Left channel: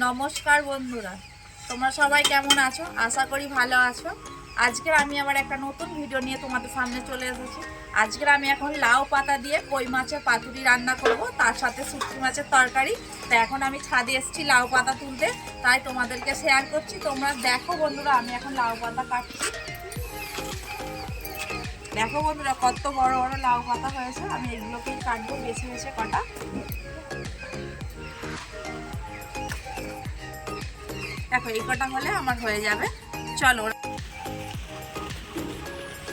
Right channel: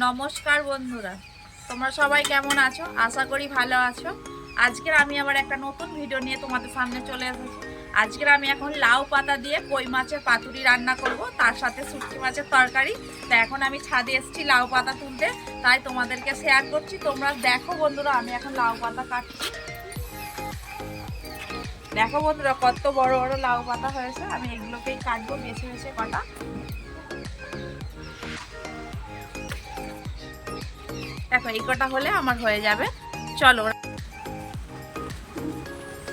নমস্কার বন্ধুরা, তোমরা সবাই কেমন আছো? আশা করি ভালো আছো। আজকের আমি আবার একটা নতুন ভিডিও নিয়ে তোমাদের সামনে চলে এসেছি। আজকের আমি এখন লাউ পাতা দিয়ে কই মাছের পাতুরি রান্না করব, তার সাথে শুটকি মাছের তরকারি। তা এখন আমি ছাদে এসেছি লাউ পাতা তুলতে, তাই তোমাদেরকে শেয়ার করছি। তোমরা দেখো বন্ধুরা, আমি এখন লাউ পাতা কাটছি। দেখো বন্ধুরা, কত বড় বড় লাউ পাতা হয়েছে। আমি এগুলোকেই কাটবো বেছে বেছে কটা। দেখো এই কটা হলে আমার হয়ে যাবে। চলো,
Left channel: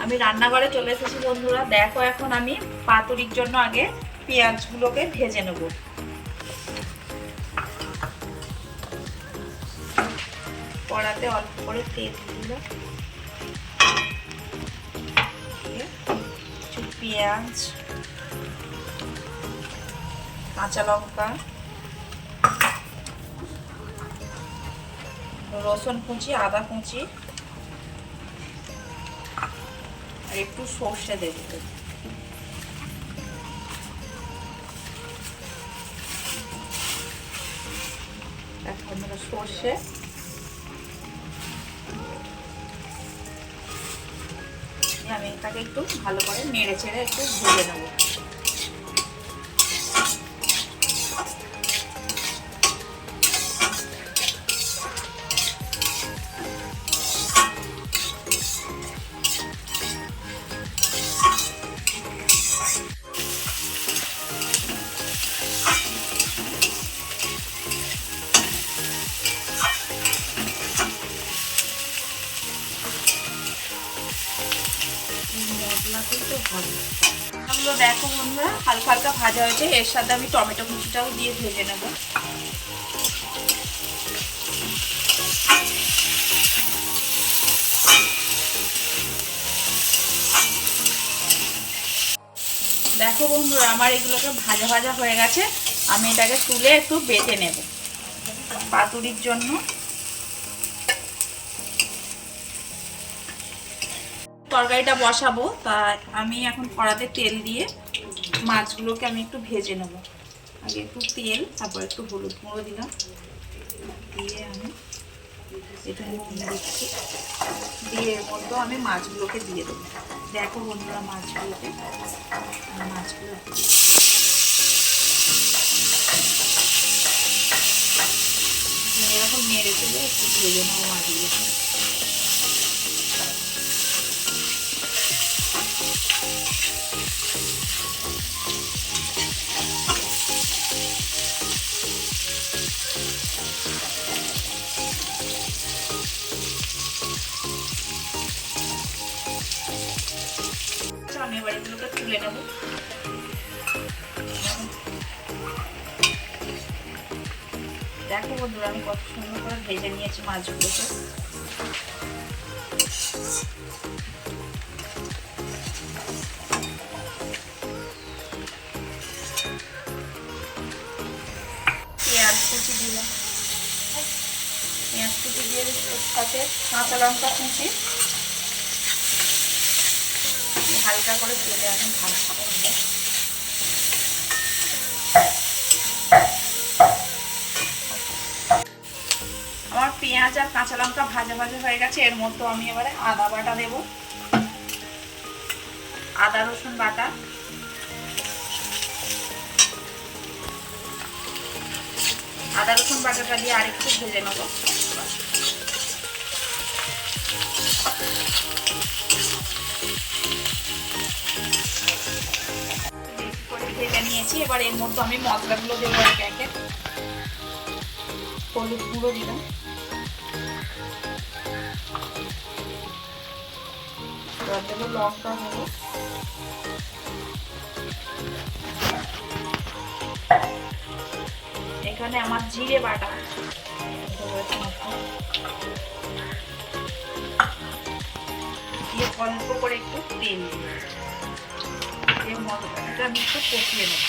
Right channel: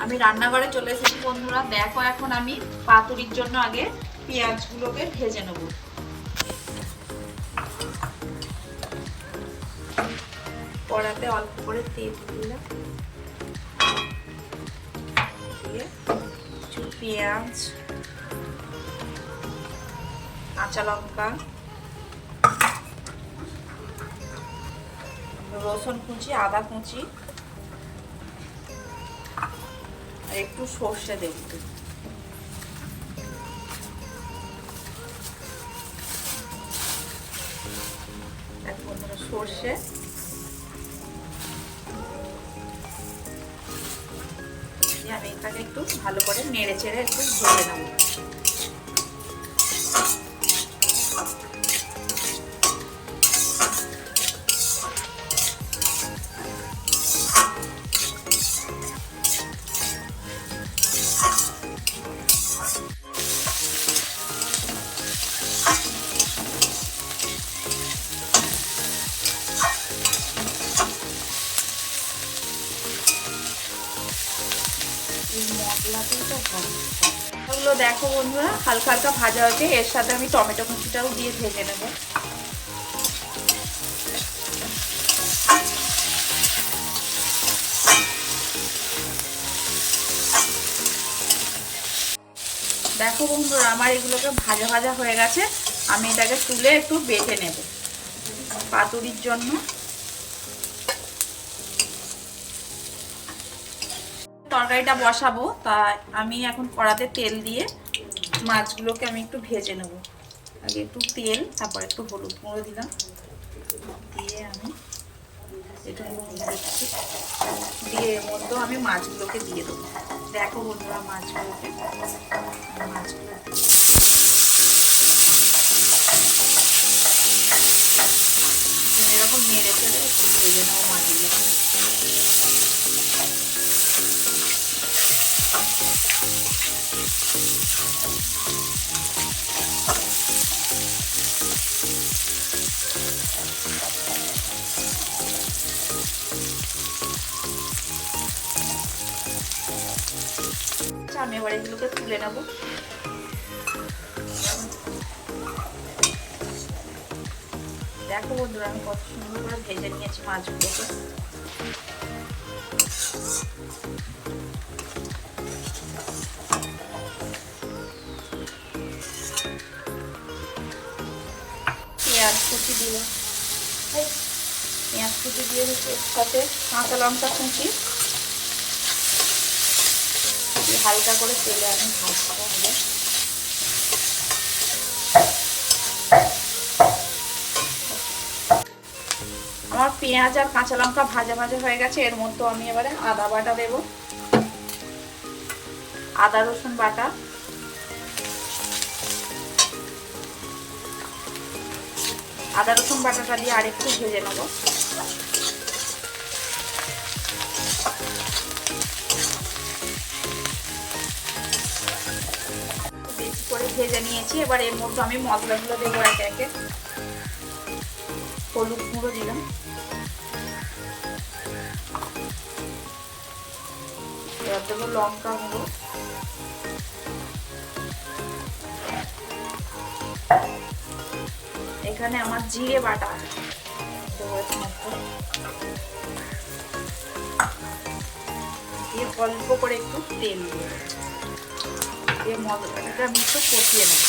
আমি রান্নাঘরে চলে এসেছি বন্ধুরা। দেখো এখন আমি পাতুরির জন্য আগে পেঁয়াজগুলোকে ভেজে নেব। কড়াতে অল্প করে তেল দিলাম, দিয়ে কিছু পেঁয়াজ, কাঁচা লঙ্কা, রসুন কুচি, আদা কুচি আর একটু সর্ষে দেব। দেখো বন্ধুরা, সর্ষে আমি এটাকে একটু ভালো করে নেড়ে চেড়ে একটু ভেজে নেব। মশলাতেই তো ভালো। দেখো বন্ধুরা, হালকা হালকা ভাজা হয়েছে। এর সাথে আমি টমেটো কুচিটাও দিয়ে ভেজে নেব। দেখো বন্ধুরা, আমার এগুলোকে ভাজা ভাজা হয়ে গেছে। আমি এটাকে তুলে একটু বেটে নেব পাতুরির জন্য। তরকারিটা বসাবো, তাই আমি এখন কড়াতে তেল দিয়ে মাছগুলোকে আমি একটু ভেজে নেব। আগে একটু তেল, তারপর একটু হলুদ গুঁড়ো দিলাম, দিয়ে আমি একটু নুন দিচ্ছি, দিয়ে এর মধ্যে আমি মাছগুলোকে দিয়ে দেবো। দেখো বন্ধুরা, মাছগুলো এরকম নেড়ে চেড়ে একটু ভেজে নেবো মাছগুলোকে। আমি এবার এগুলোকে তুলে নেব। দেখো বন্ধুরা, আমি কত সুন্দর করে ভেজে নিয়েছি মাছগুলোকে। পেঁয়াজ কুচি দিলাম, পেঁয়াজ কুচি দিয়ে সাথে কাঁচা লঙ্কা কুচি হালকা করে তেলে আমি ভাজতে হবে। আমার পেঁয়াজ আর কাঁচা লঙ্কা ভাজা ভাজা হয়ে গেছে। এর মধ্যে আমি এবারে আদা বাটা দেব, আদা রসুন বাটা, আদা রসুন বাটাটা দিয়ে আরেকটু ভেজে নেব। বেশি করে ভেজে নিয়েছি। এবার এর মধ্যে আমি মশলাগুলো দেবো একে একে। হলুদ গুঁড়ো দিলাম, এবার দেবো লঙ্কা গুঁড়ো, এখানে আমার জিরে বাটা দিয়ে অল্প করে একটু তেল দিয়ে মশলাটাকে আমি একটু কষিয়ে নেব।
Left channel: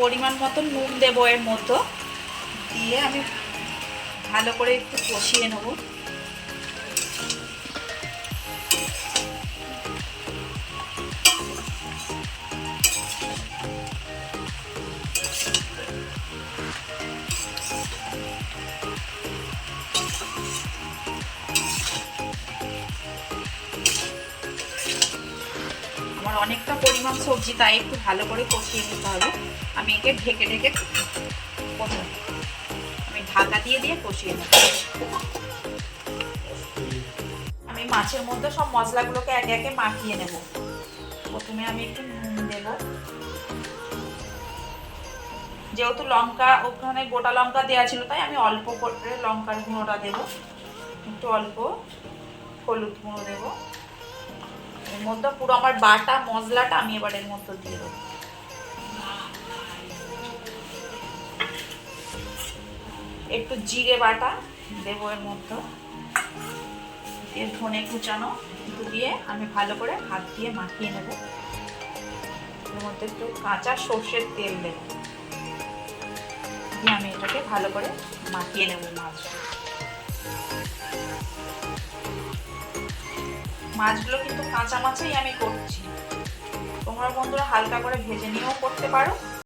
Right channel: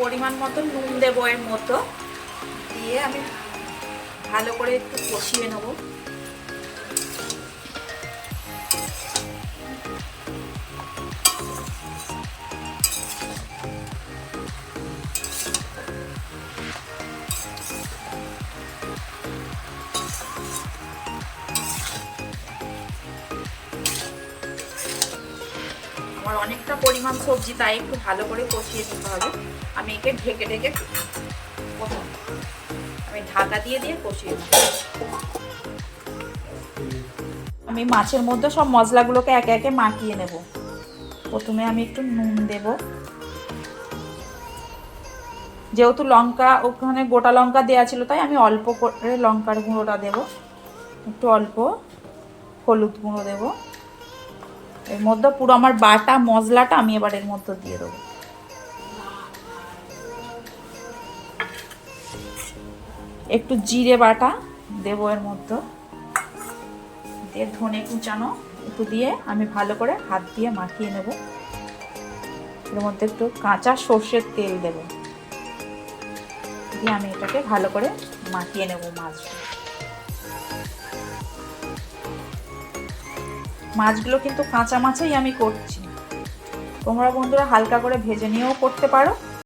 পরিমাণ মতো নুন দেবো এর মতো, দিয়ে আমি ভালো করে একটু কষিয়ে নেব। আমার অনেকটা পরিমাণ সবজি, তাই একটু ভালো করে কষিয়ে নিতে হবে। আমি একে ঢেকে ঢেকে আমি ঢাকা দিয়ে দিয়ে কষিয়ে নেব। আমি মাছের মধ্যে সব মশলাগুলোকে একে একে মাখিয়ে নেব। প্রথমে আমি একটু নুন দেব, যেহেতু লঙ্কা ওখানে গোটা লঙ্কা দেওয়া ছিল তাই আমি অল্প করে লঙ্কার গুঁড়োটা দেব, একটু অল্প হলুদ গুঁড়ো দেব। এর মধ্যে পুরো আমার বাটা মশলাটা আমি এবার এর মধ্যে দিয়ে দেবো। একটু জিরে বাটা দেবো এর মধ্যে, দিয়ে ধনে কুচানো একটু দিয়ে আমি ভালো করে হাত দিয়ে মাখিয়ে নেব। এর মধ্যে একটু কাঁচা সর্ষের তেল দেব, দিয়ে আমি এটাকে ভালো করে মাখিয়ে নেব। মাছগুলো কিন্তু কাঁচা মাছেই আমি করছি, তোমরা বন্ধুরা হালকা করে ভেজে নিয়েও করতে পারো,